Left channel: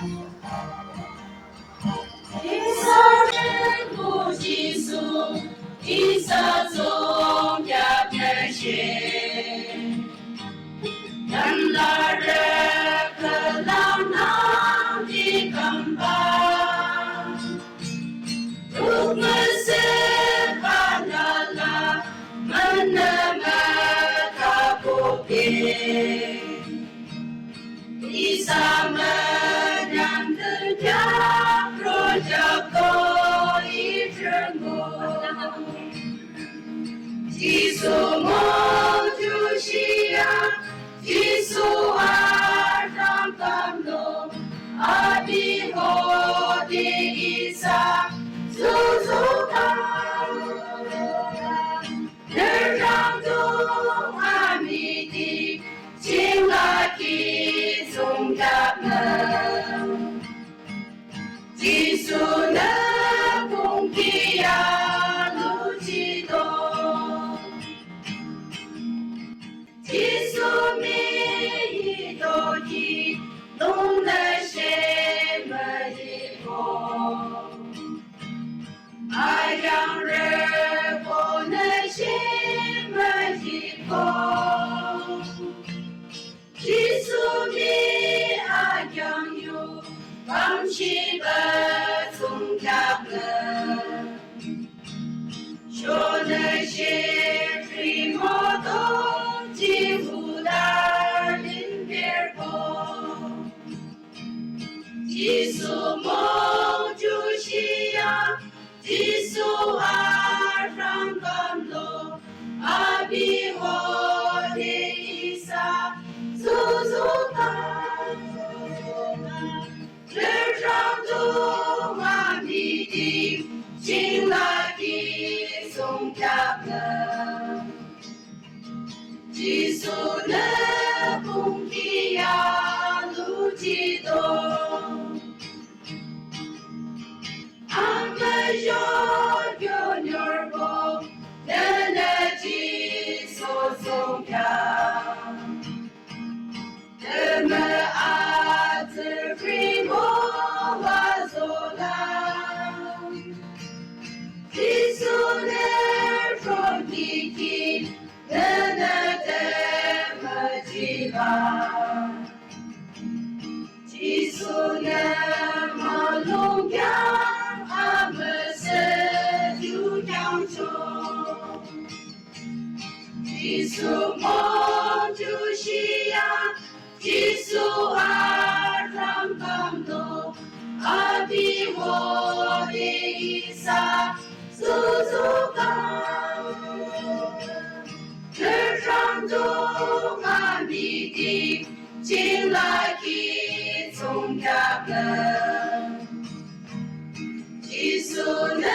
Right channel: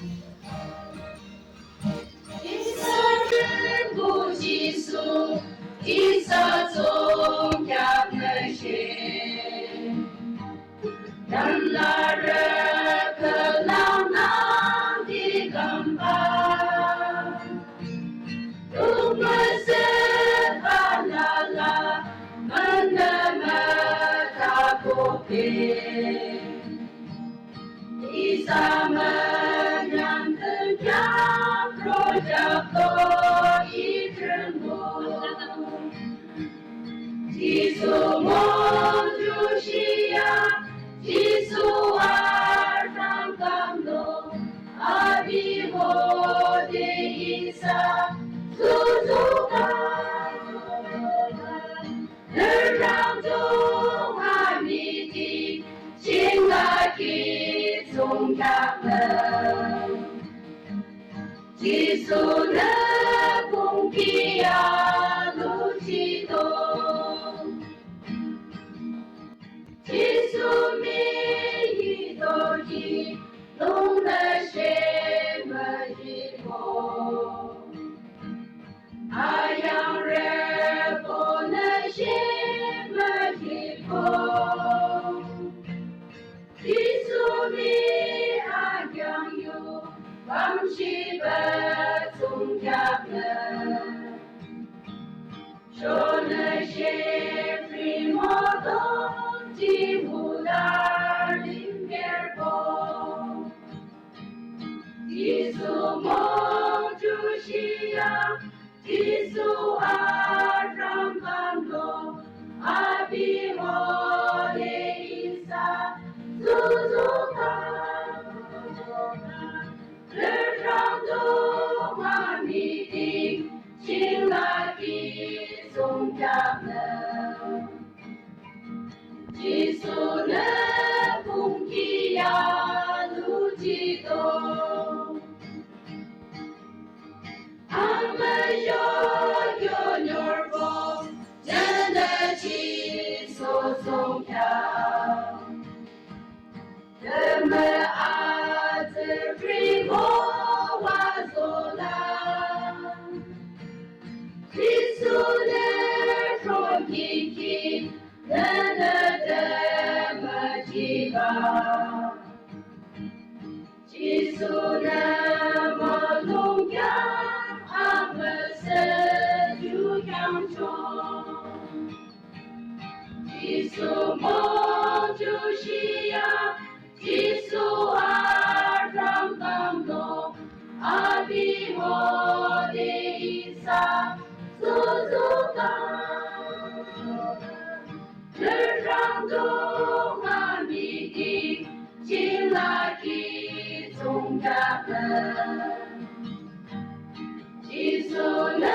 一扫人不计数，一扫总家门前。人拉人可老难的根本，如果是巴啦啦，门那么大不平，一撒门让人家若家可以成功，基础梦就是呀。Yesu akan kamlo abi ho di isa suzukan nerang tung ami di cinta ki sung kap nang Yesu na kung kia lu chi dong Yesu mi懂得什么以后，爱让人不能什么以后，基础比爱拥有，放弃不从家门，说那些非摩东几乎大人边过。基础梦就是呀，基础爱让感动，阿比我的伊萨，足足看，日上中阿弥的，请来的送家门，基础的公平呀，路激动。yo nyorbo jana chi so song kya dema at primo wa zola Jisune from kiki dana dema jiba Jisune malung kya基础梦就是呀，基础爱让感动，阿比我的伊萨足足感，日上中阿弥的，请来去从家门，基础呢？